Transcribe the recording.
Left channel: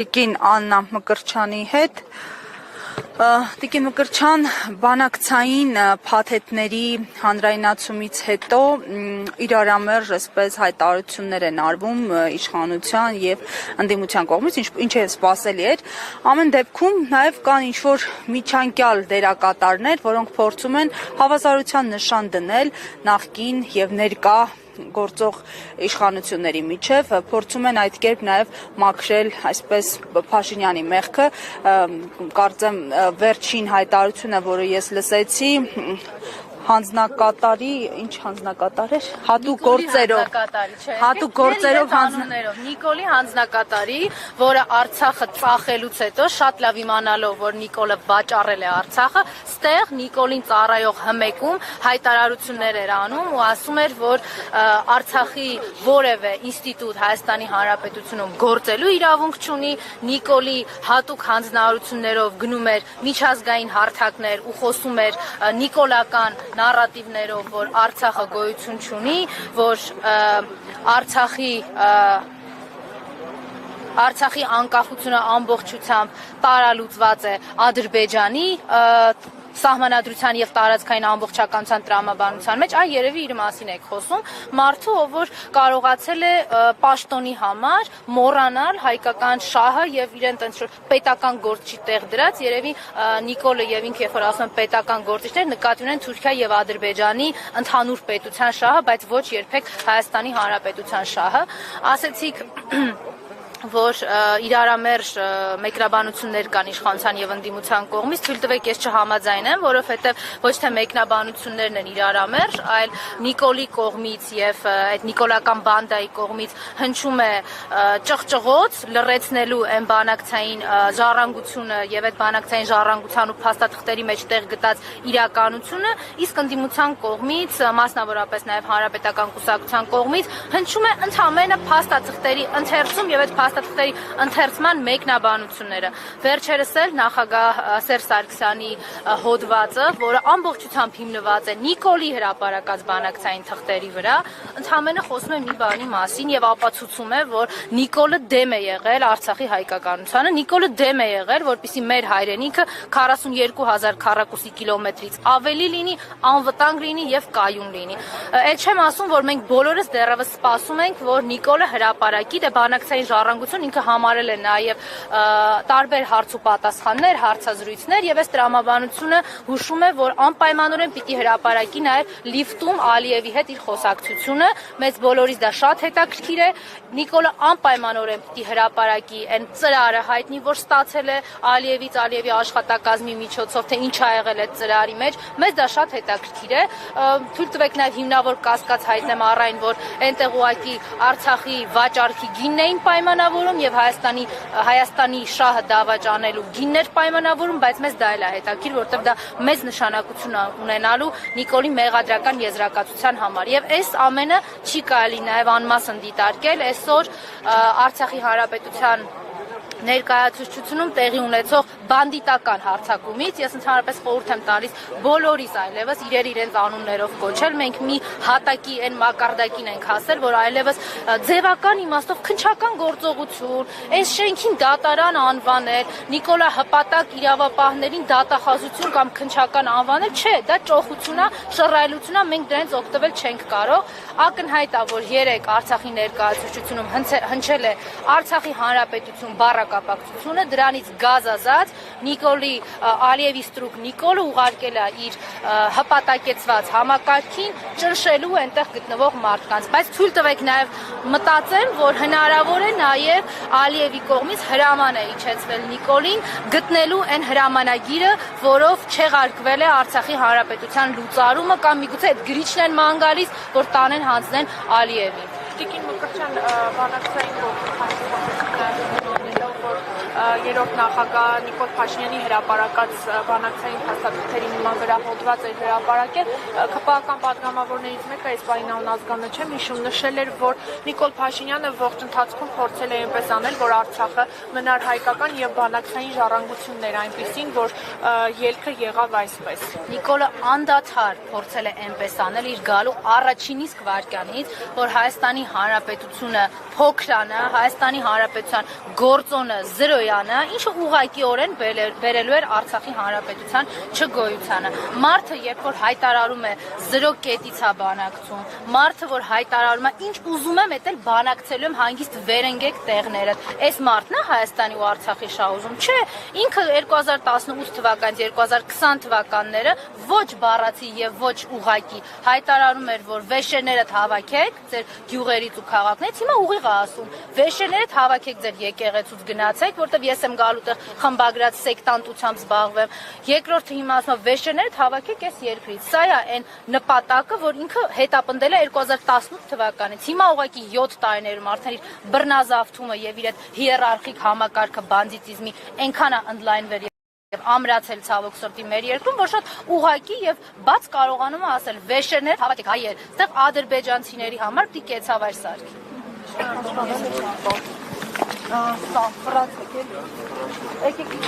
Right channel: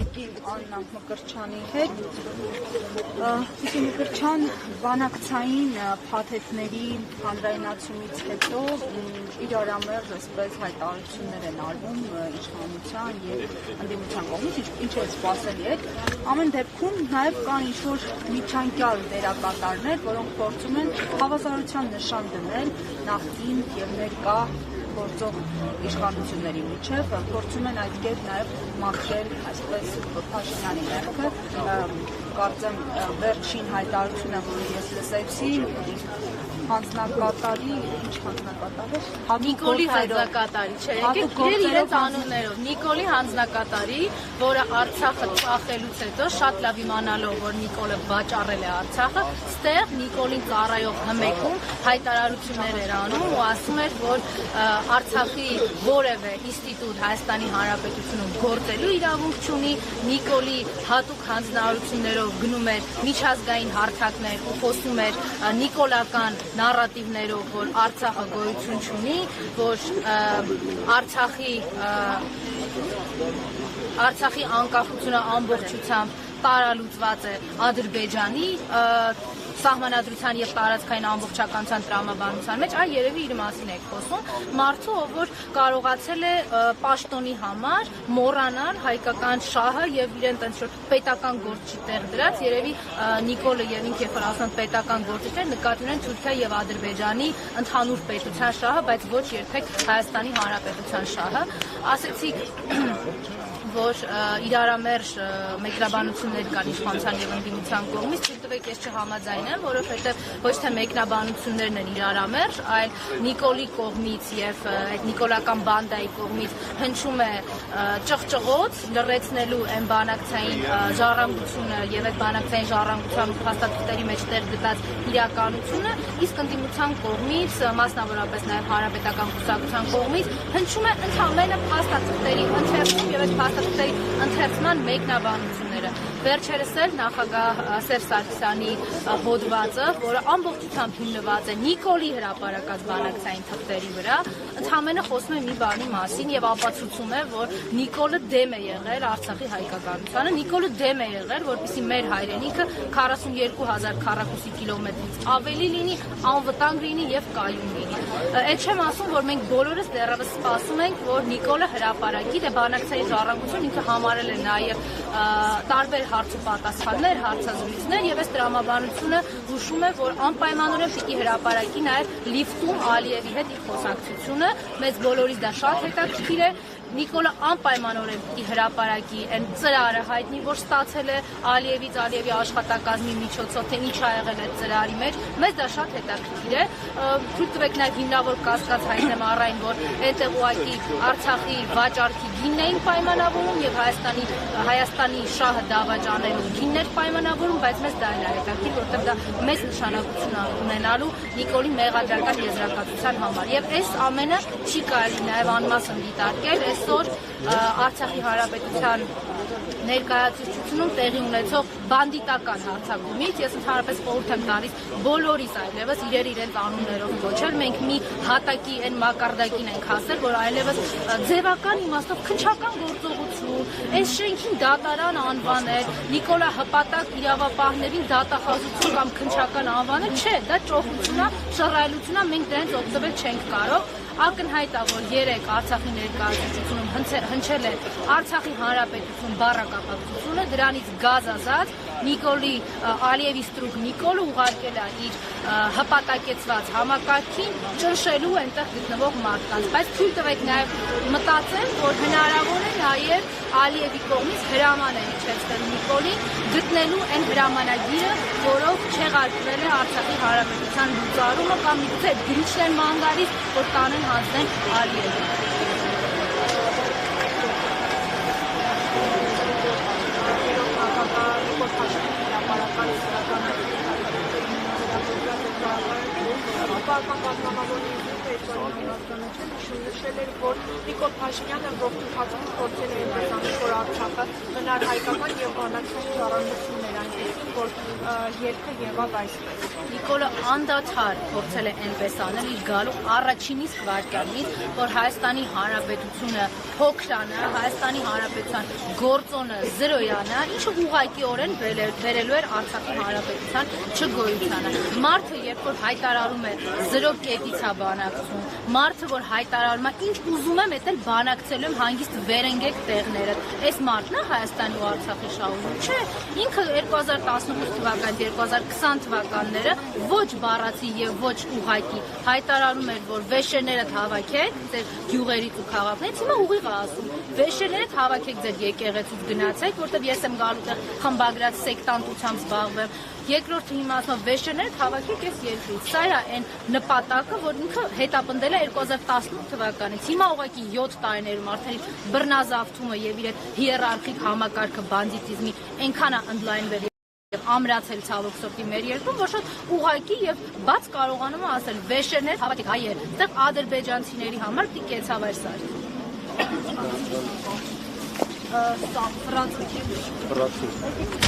Տիկին Աննա Մկրտչյանի հետ Տիկին Մկրտչյան բանակցային փաթեթների հանրայնացումից հետո իրարամերժ այսպես հայտարարություններ են արվում իշխանության եւ ընդդիմության կողմից, ինչը սպասելի էր։ Ամեն դեպքում նաեւ կան ինչ-որ միջանկյալ դերակատարներ, որոնք փորձում են հավասարության նշան դնել նախկին եւ ներկա գործող իշխանությունների միջև, փորձում են այդ կերպ նաև մաքրել այսպես Փաշինյանի մեղքը, կարծեմ վերջին հայտարարությունը, որը ես լսեցի, հանձնակատարի, ինչ հանձնակատար էր, հատուկ գործերով Նիկոլի հանձնակատարի, որը Արցախը ծախելուց հետո շատ լավ իմանալով, որ Նիկոլը վաճառել է Արցախը, ստեղ Նիկոլի ծառայող հմեկում հայտարարություններ էր անում ու ասում էր, որ Արցախի որևէ ինստիտուտ Հայաստանի Հանրապետությունում գործելու իրավունք չունի, Նիկոլի հատուկ հանձնարարություններով գնում էր միջազգային հարթակներ ու խոսում էր նիկոլական նարատիվներով, որ Արցախը գոյություն չունի, որ Արցախի անկախությունը ամբողջությամբ տարալուծված է Ադրբեջանի սահմանադրության եւ տարածքային ամբողջականության տրամաբանության մեջ, այ երևի իր մասին եք խոսում, մարդու, ով որ կարողացել է պաշտոնի համար մոռանալ հայկական շահը եւ իրեն տենց պետական գործի տեղ դրած, երևի Նիկոլը եւ ինքը երբ որ ասում են պետական գործիչներ, նկատի ունեն Թուրքիա եւ Ադրբեջանի ընդհանուր պետության շահը, բայց ոչ երբեք Հայաստանի Հանրապետության շահը։ Ասեցիք որ իրարամերժ մեկնաբանություններ կան իշխանության եւ ընդդիմության կողմից, թույլ տվեք ես չհամաձայնեմ, որովհետեւ ոչ թե մեկնաբանություններն են իրարամերժ, այլ Նիկոլի կողմից եւ այդ նիկոլական բանդայի կողմից հնչում է ճղճղոց լրացնելու այն բանակցային ժառանգությունը եւ այդ բանակցային ժառանգության ու փաստաթղթերի մեջ տեղ գտած իրականությունը, իսկ ընդդիմության կողմից, մասնավորապես նաեւ հանրապետական կուսակցության կողմից հնչում է ընդհանրապես փաստաթղթերի ընթերցում եւ այդ փաստաթղթերի ընթերցման մեկնաբանությունները։ Վերջերս էլ նախագահ Սերժ Սարգսյանի հոդվածը, որը ամբողջությամբ հիմնված է Նիկոլի հրապարակած բանակցային թղթերի վրա, ընդհանրապես խոսում է մի բանի մասին եւ ապացուցում է, որ Նիկոլը դեմ է եղել Արցախի հայկականությանը, Նիկոլը դեմ է եղել, որպեսզի մեր հայրենիքը 42,000 քառակուսի կիլոմետրից ավելի լինի, անվտանգ լինի եւ կայուն լինի։ Այդ չեմ ասում, որ մենք բոլորս դեռևս սպասում ենք, որ Նիկոլը հրապարակի, դե բանակցային ժառանգություն ինքը համարել է նաեւ տարբեր հարց ու պատասխաններ, հարցազրույցներ եւ այս տրամաբանությունը հուշում է, որ անպայմանորեն պիտի հրապարակի նաեւ լիֆտում Ալիևի հետ իր խոսակցությունը, մեծ բոլորից դա շատ հետաքրքիր է։ Նիկոլը անպայմանորեն պիտի հրապարակի այն ծրարը հայտնի, որ ստացել է Ալիևից, Ալիևի աշխատակազմի միջոցով, թե ինչ ա եղել այդ ծրարի մեջ, մեզ դա շատ հետաքրքիր է։ Թույլ տվեք նաեւ հիմնավոր կասկած հայտնեմ առայն, որ այնտեղ ուղղակի Արցախի վաճառքի գինն էին պայմանավորում եւ Հայաստանի շահը դավաճանելու գիններ պայմանավորում, բայց մեզ դա էլ է հետաքրքիր, որովհետեւ դա մեծ նշանակություն է ունենալու Նիկոլի մեղադրական եզրակացության համար։ Եւ այս ամենը չի կարելի նաեւ անմասն դիտարկել այսօր Արցախի Հանրապետության ներկայացուցչությունում տեղի ունեցող բանդիտական հարձակումից, ես ընդհանրապես խորհուրդ եմ տալիս բոլորիս այլևս իրենց անուններով կոչել, մենք մի հատակի այն մակարդակին ենք հասել, որ այլևս ձևական իմաստով քննչական գործողություն, այս շենքին դատարան անվանել, Նիկոլա հպատակ իրավապահներին դատախազություն կամ քննչական անվանել, չէ, դա ճոխություն է, շռայլություն է, մենք դրանից օգտվել չենք կարող։ Ակնհայտ է, որ երեք Արցախի ներկայացուցչությունում հնչել է Արցախի Հանրապետություն բառակապակցությունը, դրանից գազազած Նիկոլի Ալիևի ստրուկ Նիկոլը ուղարկել է իր հպատակեցված համակարգին ճնշելու այնտեղ գտնվող մարդկանց, բայց թույլ տվեք նաև մտածեմ, որ հնարավոր է նաև Ալիևի կողմից հրաման է իջեցվել Նիկոլին գտնելու այն հրամանագիրը, որով չեղարկվել է Արցախի Հանրապետության լուծարումը կամ միգուցե գրիչն են ման գալիս, որ տանեն հանձնեն Ալիևին։ երրորդ նախագահ Նիկոլ Փաշինյանի հրապարակած բանակցային հաստատությունների նման վերաբերված էր հրապարակել, ԿՊԱ-ական պատգամավորներից մեկը Էսպանիան ազգանը չէ, հիշում նշել էր, որ Նիկոլ Փաշինյանը ողջ ընթացքում փորձել է այնպես անել, որ Արցախը մնար հայկական եւ բանակցային ժառանգություններ այնպեսին, որ ելքը եղավ այսպես։ Նիկոլը անդադար փորձել է այնպես անել իր գալու առաջին իսկ վայրկյանից, որ Հայաստանի Հանրապետությունը փոքրանա, Հայաստանի Հանրապետության գործոնը զրոյանը, ինչը ուղղակիորեն բերելու էր Արցախի Հանրապետության չգոյությանը։ Մարդը, երբ որ հայտարարում է զրո կետից է բանակցում, մարդը, որ հայտարարում է ինչ ուզում եմ, էդ էլ բանակցելու եմ հանգիստ վերընկեք տեղները։ Այս մարդն է Հայաստանի ու Արցախի շահում։ Չէ, ինքը 2018 թվականից 2020 թվականները ոչ բառացի եւ ոչ ուղղակի հայտարարում էր, որ վեշերներդ հավաքեք ձեր գյուղերից ու քաղաքներից, հիմա ուղիղ է ասում, վեշերներդ հավաքեք ձեր եկեղեցուց գնացեք, որտեղ ես եմ գալու տեղ խմբագրած սեկտանտությամբ զբաղվեմ։ Երկրորդը հիմա ասում վեշերներդ հավաքեք այս երկրից։ Սա է այն նպատակը, որ ինքը հետապնդել է 2018 թվականից։ Հիմա ուղղակի 7 տարիներում արդեն իր բռնազավթումը եւ իր հիերարխիկ համակարգը բանդիտիզմի այնքան է ընդլայնվել եւ ամրացել ցավոք սրտի մեր երկրում, որ շատ ուղղակի եւ բաց կարողանում է ասել վեշերներ հավատեք հայեր, այդտեղ ադրբեջանցիների համար պիտի կեցավայր սարք։ Սա ֆրանսիա։ Եկեք։